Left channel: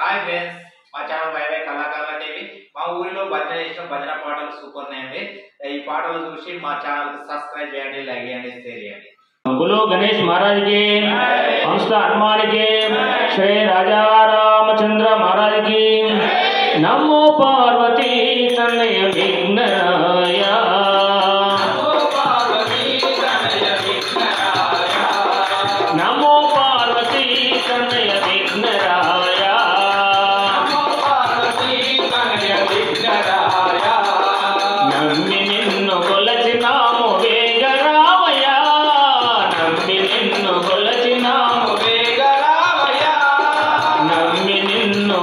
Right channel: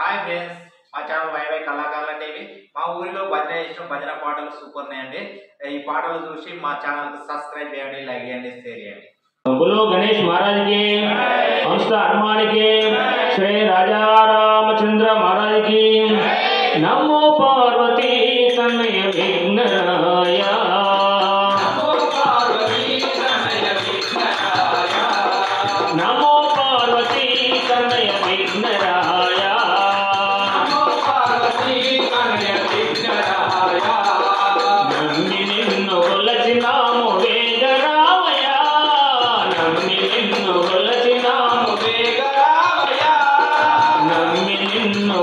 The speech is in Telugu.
హాయ్ ఫ్రెండ్స్, మా ఛానల్ వైవై కళాకారుల టీవీ. మా ఊరిలో భజన చేసిన భజన పాటలు సూపర్ ఉన్నాయండి. ఈ పాటలు చూసి మా ఛానల్ సబ్స్క్రైబ్ చేయండి, లైక్ చేయండి, షేర్ చేయండి. गुरु गणेश महाराज के, संस्था हनुमान के, श्री राजा रामचंद्र महाराज की, नमो पार्वती तनय विघ्नराय, नमो पार्वती तनय विघ्नराय, नमो पार्वती तनय विघ्नराय, नमो पार्वती तनय विघ्नराय. नम्मि निन्नु కొలచినాము వేగరామయ్య, నమ్మి నిన్ను కొలచినాము వేగరామయ్య, నమ్మి నిన్ను